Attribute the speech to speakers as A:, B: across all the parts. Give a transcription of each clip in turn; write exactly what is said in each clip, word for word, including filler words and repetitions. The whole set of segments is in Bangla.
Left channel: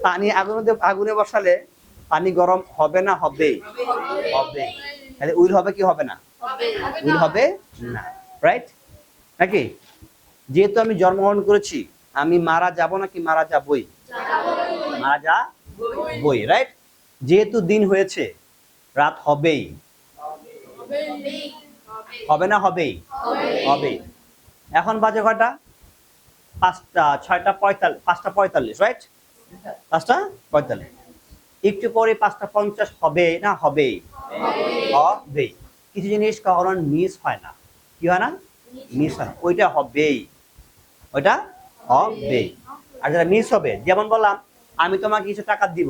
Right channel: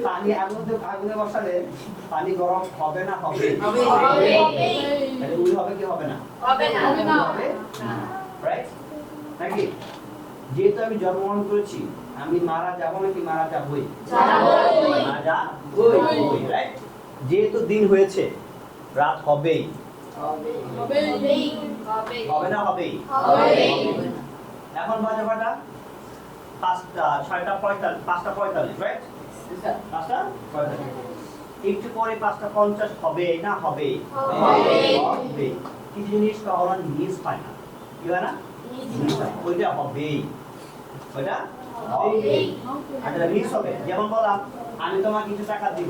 A: পানি আগুনে আগুনে বসালে পানি গরম হবে না হবে? তাহলে উইল হবে কি হবে না? উইল হবে না, রাইট? নাকি? যেহেতু আমি জন্মগ্রহণ করেছি, আমি মারা যাব নাকি মারা যাবই? মারা যাবই, রাইট? যেহেতু দিন হয়েছে, রাত হবেই। হবে না হবেই? হবেই। এখন বাজে কয়টা? পাঁচটা ছয়টা পঁয়তাল্লিশ পাঁচটা পঁয়তাল্লিশ, রাইট? পাঁচটা পঁয়তাল্লিশ। একটু পরে পাঁচটা পঞ্চাশ হবে না হবে? হবে। কিছু জিনিস কখনো মিস হয় না। কি হয় না? মিস হয়। ওইটা হবেই, ওইটা হবেই। আর যেটা মিস হবে, যেমন বললাম আমি তোমাকে কিছু টাকা দিব,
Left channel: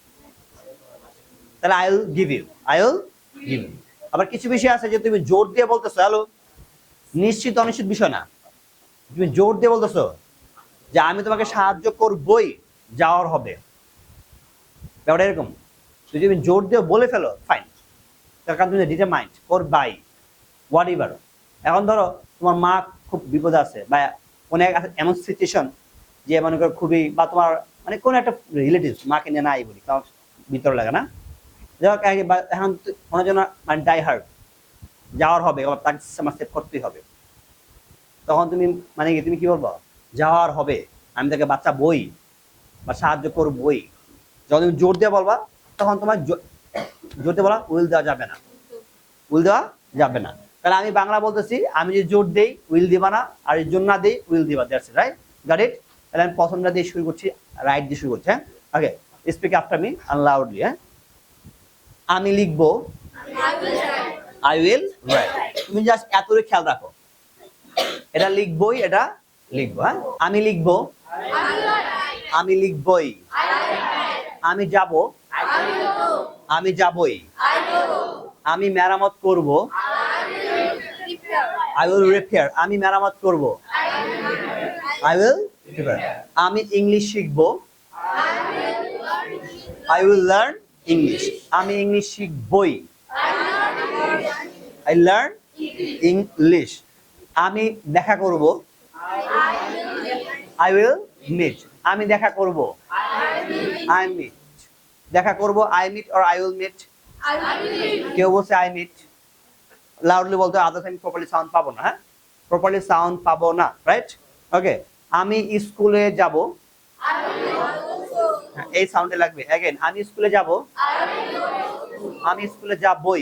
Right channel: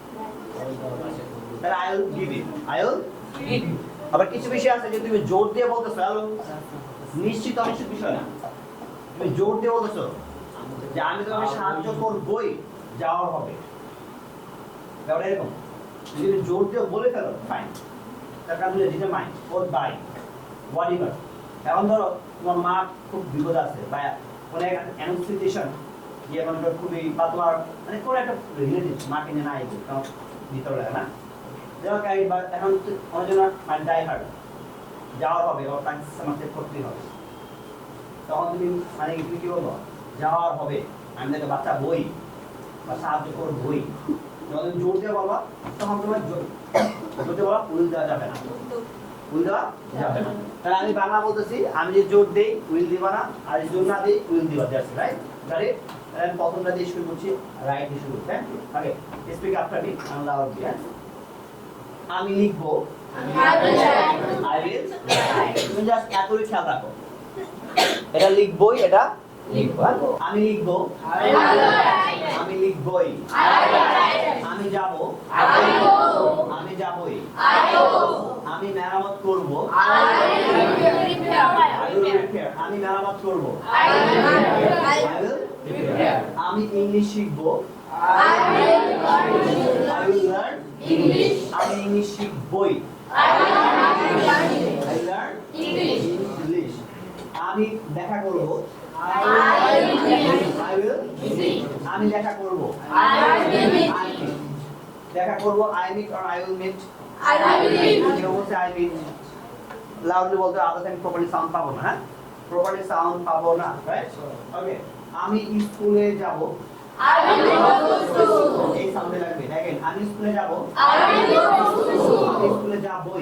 A: তাহলে I will give you, I will give you. আবার কিছু বিষয় আছে যে তুমি জোর দিয়ে বলতেছো, হ্যালো, নিশ্চিত অনিশ্চিত বিষয় না, তুমি জোর দিয়ে বলতেছো যে আমি তোমাকে সাহায্য করবই, যাওয়ার হবে, ব্যাপারটা এরকম। যদি তুমি জোর দিয়ে বলে ফেলো, ফাইন, তার কারণ তুমি determined or by whatever. এখন ধরো তোমার মা খুব বিপদে আছে, বা কোনো এক এমন সিচুয়েশন যে মনে করো খুবই, বা তোমার মানে কোনো একটা রিলেটিভ মাকে নিয়ে নাই বলি, তোমার ভিতর লাগে না, যাই হোক, এখন কোনো জন মানে ডাই হার্ড যাওয়ার হবে, আবার তাকে সমাজকে করতেই হবে, তখন তুমি মানে কি তুমি কি বলবো? যাওয়ার হবে, আমি তাকে বাচ্চা বই বা সাহায্য করবই। যখন তুমি জোর দিয়ে বলবা, তখন তোমার জোর দিয়ে বলা উইল দেওয়া যাবে না, উইল দেওয়া যাবে না। তাহলে আমি বাংলা বলতেছি, আমি যে জোর দেই উইল দিবা না, আর জোর না দিই উইল দিবা, দ্যাটস রাইট, গট ইট? তাহলে আমি প্রথমটা দিয়ে শুরু করছি, রাইট দিয়ে শুরু করছি, হ্যাঁ? Okay, speak after me and loudly, হ্যাঁ? আমি লিখবো, আই উইল রাইট। তুমি জাস্ট এতটুকু খেয়াল রাখো, এটা লিখবই, এটা লিখবো, হ্যাঁ? আমি লিখবো, আমি লিখবই, আমি যাব, আমি যাবই, আমি মেরামত করব, আই উইল রিপেয়ার, আমি মেরামত করব, আই উইল রিপেয়ার। আমি ইংলিশ শিখব, আই উইল লার্ন ইংলিশ, আমি ইংলিশ শিখবই, আই লার্ন ইংলিশ। আমি দেখা করব, আই উইল মিট, আমি দেখা করব, আই মিট, দেখা করব, I meet or I will meet. কেউ বলছে আই মিট, লাউডলি বলতে আদার্স আমি প্রপারলি সাউন্ড পাবো না, হ্যাঁ, প্রপারলি সাউন্ড পাবো না, রাইট? ওকে, আমি স্কুলে যাব, এই সাউন্ডে লাগবে। অ্যাগেন, আমি স্কুলে যাব, আমি স্কুলে যাবই,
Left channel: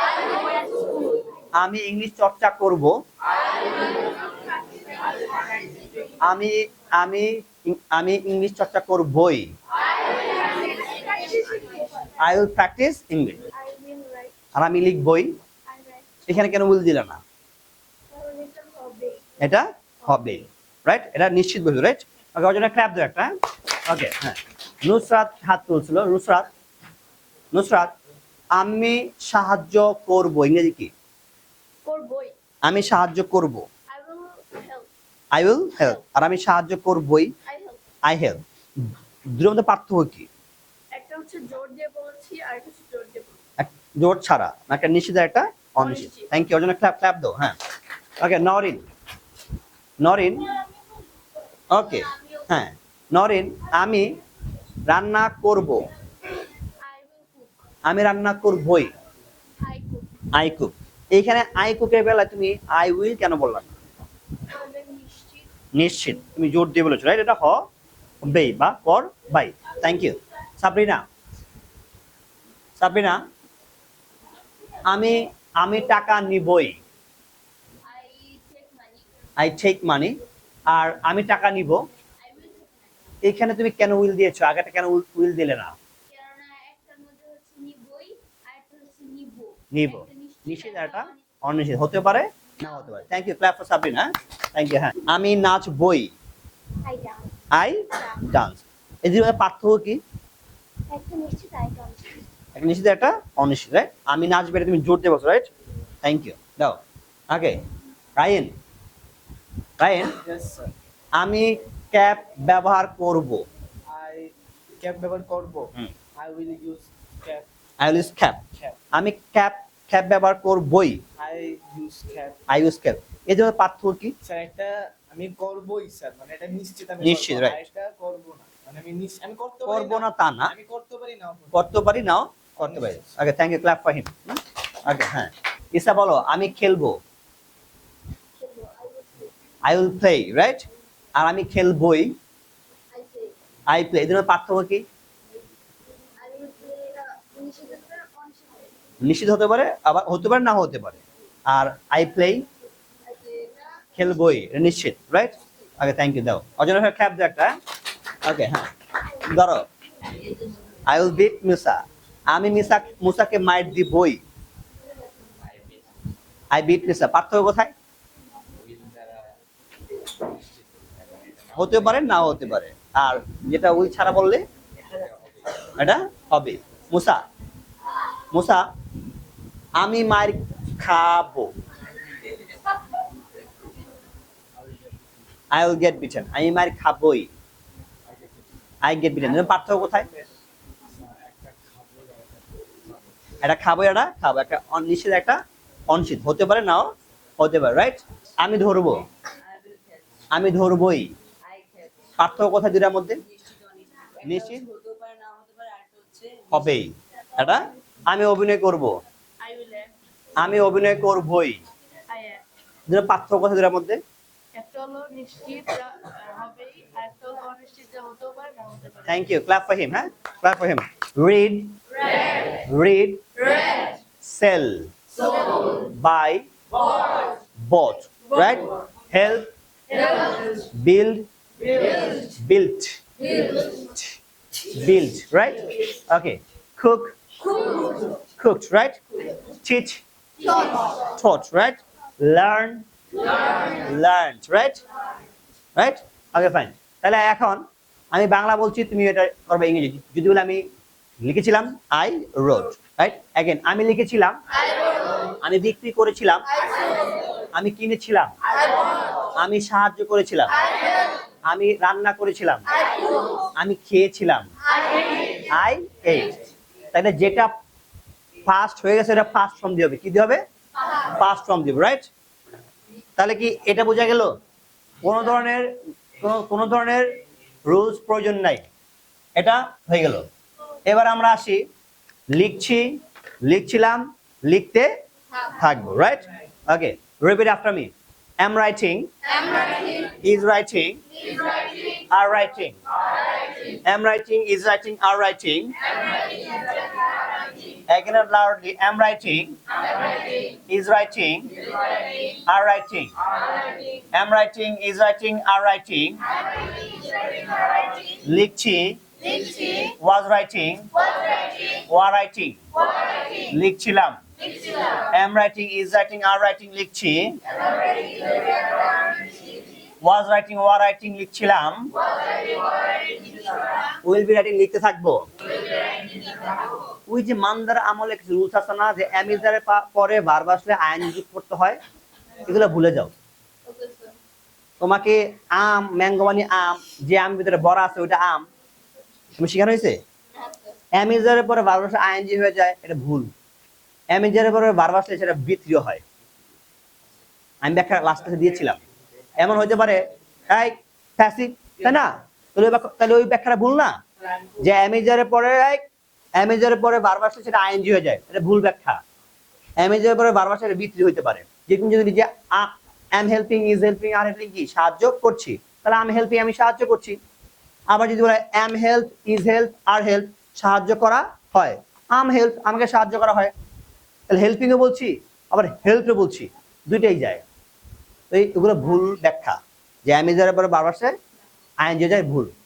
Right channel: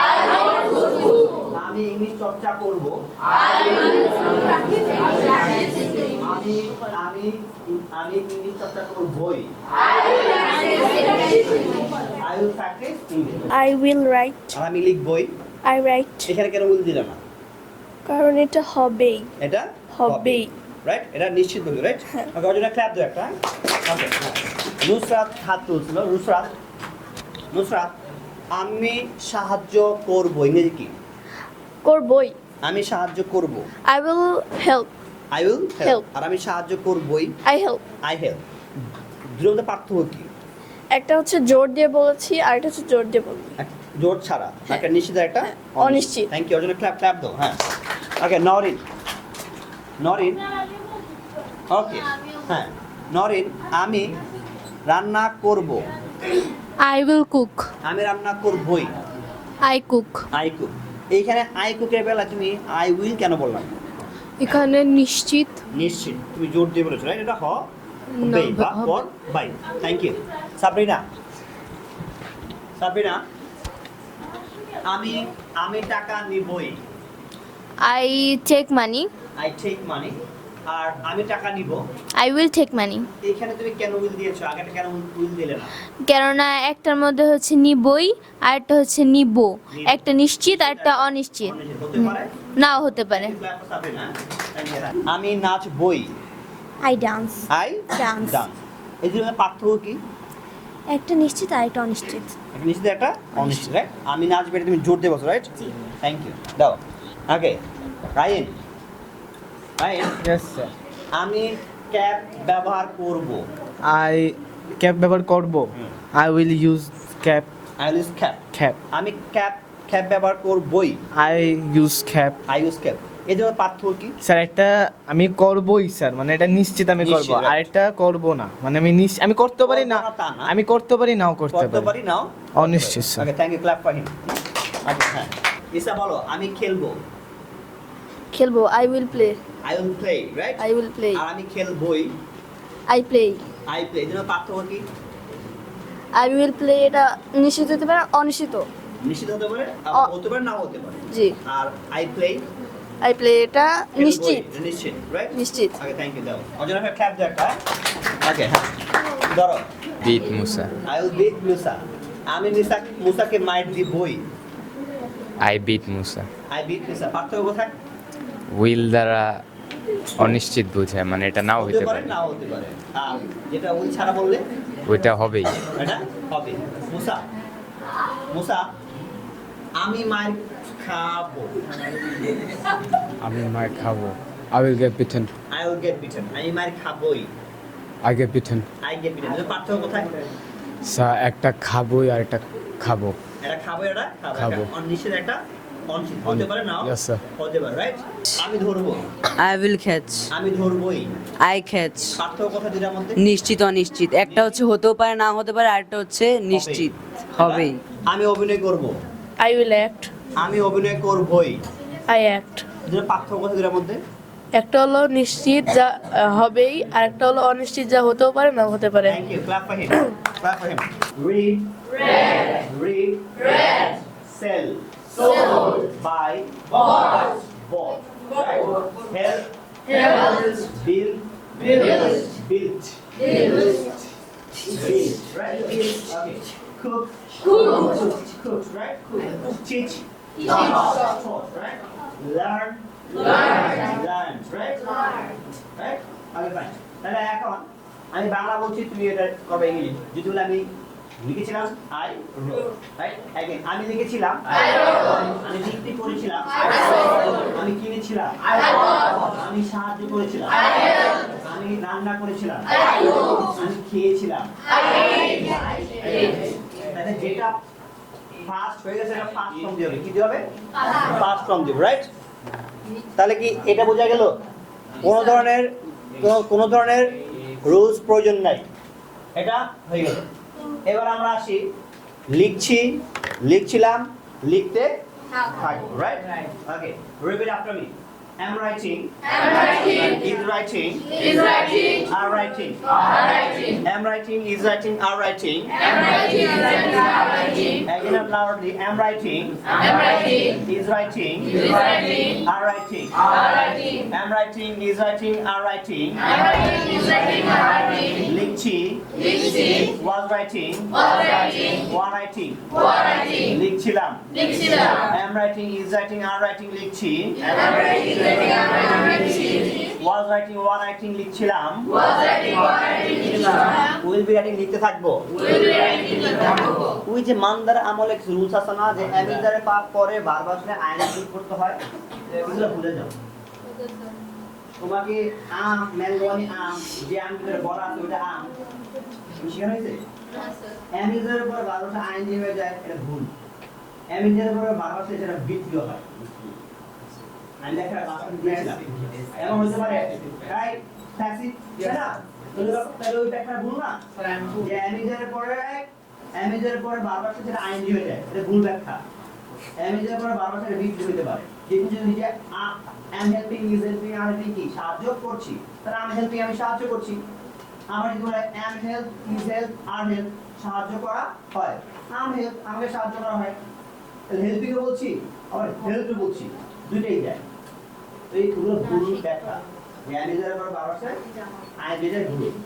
A: আমি ইংলিশ চর্চা করব, আমি আমি আমি ইংলিশ চর্চা করবই, I will practise English.
B: I will write.
A: আর আমি লিখবই,
B: I write.
A: এখানে কেন উইল দিলাম না?
B: কারণ এটা হবেই।
A: এটা
B: হবেই।
A: হবেই, রাইট? এটা নিশ্চিত বলছো, রাইট? ওকে, ওর জন্য ক্ল্যাপ দাও একটা, ওকে, হ্যাঁ। নুসরাত হাত তুলছিল, নুসরাত, নুসরাত, আমি সাহায্য করব, ইংরেজি কি?
B: করবই।
A: আমি সাহায্য করব,
B: I will help.
A: I will help.
B: Help.
A: আর আমি সাহায্য করবই,
B: I help.
A: I help. দুটোর মধ্যে পার্থক্য কি?
B: একটা হচ্ছে জোর দিয়ে বলেছি, আর একটা হচ্ছে জোর দিয়ে বলবি।
A: এক জোর ছাড়া, একটা নিশ্চিত, আর একটা
B: অনিশ্চিত।
A: থ্যাংক ইউ, ওর জন্য ক্ল্যাপ ক্ল্যাপ দাও, হ্যাঁ। ওকে, নরিন, নরিন, ওকে, হ্যাঁ, নরিন, আমি রান্না করব,
C: I will cook.
A: আমি রান্না করবই,
C: I cook.
A: I cook. এইখানে আই কুকের বেলা তুমি আই উইল কেন বললাম?
C: এখানে নিশ্চিত।
A: নিশ্চিত, তুমি জোর দিয়ে বলেছো, রাইট? এটা হ বেই বা
C: হবে।
A: ফর বাই। Thank you. সাবরিনা, সাবরিনা, আমি আমি টাকা নিবই,
C: I take money.
A: I take money. আর আমি টাকা নিব,
C: I will take money.
A: এখানে তুমি কেন উইল দিয়েছো? আগেটা কেন উইল দিলে না?
C: কেননা একটার মধ্যে হচ্ছে নিবই, আর একটা হচ্ছে নিব।
A: নিব।
C: একটা নিশ্চিত আর একটা অনিশ্চিত।
A: অনিশ্চিত হতে পারে,
C: নাও হতে পারে।
A: Thank you, clap for Sabrina, thank you. হ্যাঁ, আমি নাচবই,
B: I dance.
A: I
B: Dance.
A: Dance. এই যে পার্থক্য কি?
B: একটা নিশ্চিত আর একটা অনিশ্চিত।
A: একটা নিশ্চিত, একটা অনিশ্চিত, রাইট? আমি নাচবে, এটা তুমি জোর দিয়ে বলছো, রাইট?
B: জি।
A: থ্যাংক ইউ, দাও। Okay, Ryan, Ryan,
D: Yes, sir.
A: আমি ক্যাব ব্যবহার করব,
D: I ক্যাব ব্যবহার করব।
A: হুম।
D: I will use cab
A: I use cab.
D: Cab.
A: আমি ক্যাব ক্যাব ব্যবহার করবই,
D: I use cab.
A: I use cab. এই জন্য পার্থক্য কি?
D: স্যার একটা আমি করবই স্যার, মানে এটা নিশ্চিত আমি
A: নিশ্চিত,
D: করব,
A: right.
D: আর এটা করব না, মানে আমি নিশ্চিত আমি করতে পারি না,
A: করবো না তা না।
D: আমি করতে পারি নাও করতে
A: করতে
D: পারি।
A: পারি নাও
D: অনিশ্চিত, sir.
A: Okay, thank you, clap for him. আচ্ছা হ্যাঁ, ইসা বলো আমি খেলবো।
B: খেলবো, I will play.
A: I will play, right?
B: I will play.
A: আর আমি খেলবই,
B: আই প্লে।
A: I play. এই জন্য পার্থক্য কি?
B: আই উইল প্লে এটা নিশ্চিত হতে পারে, অনিশ্চিত।
A: নিশ্চিত হতে পারে, আবার
B: অ-
A: হতে পারে, না হতে পারে।
B: জি।
A: আর আই প্লে
B: আই প্লে এটা
A: খেলবই,
B: নিশ্চিত।
A: এটা নিশ্চিত, রাইট?
B: নিশ্চিত।
A: ওকে, থ্যাংক ইউ, দাও অজনা ভাই ক্ল্যাপ দাও একটা। ওকে হ্যাঁ, ধরো
E: beat Musa.
A: I will beat Musa. আমি মিসা মুসাকে মাইট দিবই।
E: I beat Musa.
A: I beat Musa, পার্থক্য কোথায়?
E: উইল দ্বারা অনিশ্চিত বোঝায়, মানে এটা নাও
A: হতে
E: হতে
A: পারে,
E: পারে,
A: নাও হতে পারে। আর যেটা উইল ছাড়া বললে
E: ওইটা হবেই।
A: এটা হবে। মুসা, মুসা আমি মার খাবো।
F: আমি মার খাবো। I will get beaten.
A: I will get beaten. আমি মার খাবই।
F: I get beaten.
A: I get beaten. পার্থক্য কোথায়?
F: স্যার একটা খাবোই আর একটা খাবো।
A: এটা খাবো, এটা খাবো। একটা
F: খাবো।
A: অনিশ্চিত, একটা অনিশ্চিত। হতে পারে, নাও
F: Yes, sir.
A: হতে পারে, রাইট? আমি ধরবো,
G: I will catch.
A: আমি ধরবই।
G: I catch.
A: পার্থক্য কোথায় দুটার মধ্যে?
G: নিশ্চিত অনিশ্চিত, একটা
A: নিশ্চিত?
G: হচ্ছে হতেও পারে না হতে পারে, আরেকটা হচ্ছে নিশ্চিত
A: এটা?
G: হবেই।
A: আমি অভিনয় করব,
B: আই উইল অ্যাক্ট।
A: আমি অভিনয় করবই।
B: I act.
A: দুটো পার্থক্য কোথায় দুটার মধ্যে?
B: একটা হলো নিশ্চিত যা আহ, হবেই, আর একটা হলো অনিশ্চিত যা হতেও পারে না হতে পারে।
A: Thank you. Clap for him. Clap for him. Read. Read. Sell. Buy. Bought. Right? Help. Build. Built. Build. Right? Okay. Cook. Cooked. Right? Teach. Taught. Right? Learn. Learned. Right? Right? Okay, fine. তাহলে এখন আমি বাংলা বলছি, তুমি এটা করবে ইংরেজি। যদি বলে আমি লিখেছিলাম, আই রোট, রাইট? অ্যাগেন আমি লিখেছিলাম, আমি বিক্রি করেছিলাম, আমি কিনেছিলাম, আমি সাহায্য করেছিলাম, আমি রান্না করেছিলাম, আমি খেয়েছিলাম, আই এট। তাহলে যেটা ফার্স্ট হয়ে গেছে এটা ফার্স্ট ফর্ম দিয়ে হবে। কি দিয়ে হবে? ফার্স্ট ফর্ম দিব, রাইট? তাহলে কি এটা বোঝা গেল? কোনো ধরনের কোনো ধরনের রুলস প্রয়োজন নাই, এটা হয়ে গেল। এবার আমরা আসি, লিখছি, লিখছিলাম, লিখতে থাকবো, right? Okay, repeat after me. am writing, is writing, are writing, am writing, is writing, are writing, again out loudly, am writing, is writing, are writing, am writing, is writing, are writing, লিখছি, was writing, were writing, লিখছিলাম, am writing, is writing, are writing, লিখছি, was writing, were writing, লিখছিলাম, will be writing, লিখতে থাকবো। ওই যে মানদার আমল এক রুলস আছে না, যে অ্যামিজারের পরে ভার্ব আসলে আইন যুক্ত করতে হয়, এগুলো ভুলে যাও। তোমাকে আম, ম্যাঙ্গো মানে আম, যে আম ভিতরে বড়া আছে ওইটা আম, তুমি শেখানো হয়েছে? অ্যামিজারের পরে ভার্ব আসলে আইএনজি হয়ে যায়, এটা ভুল। অ্যামিজারের পরে ভার্ব আসলে সেটা বিক্রিয় হয়। আমি ব্যাখ্যা লাস্ট ক্লাসে দিয়েছিলাম। এমন হতে পারে এই প্যাসিভ, তাই না? তাহলে তাহলে ওই ব্যাখ্যাটা ভুল না, যে অ্যামিজারের পরে অ্যামিজারের পরে ভার্ব আসলে সেটা আইএনজি হয়ে যায়, এটা ভুল ব্যাখ্যা। অ্যামিজারের পরে ভার্ব আসলে বিক্রি হতে পারে। যেদিন যদি নিজে am helping, is helping, are helping কি সাহায্য করছি, তাহলে am helping আমি সাহায্য করছি। আবার যদি বলে am help, is help, are help সাহায্য করা হয়, am help আমাকে সাহায্য করা হয়, তাহলে হেল্পিং ও বলছি আবার হেল্পও বলছি, দুইটাই যায়। তো এইগুলো ভুল ব্যাখ্যা, যে অ্যামিজারের পরে বারবার সে আইন যে যায় ভুল।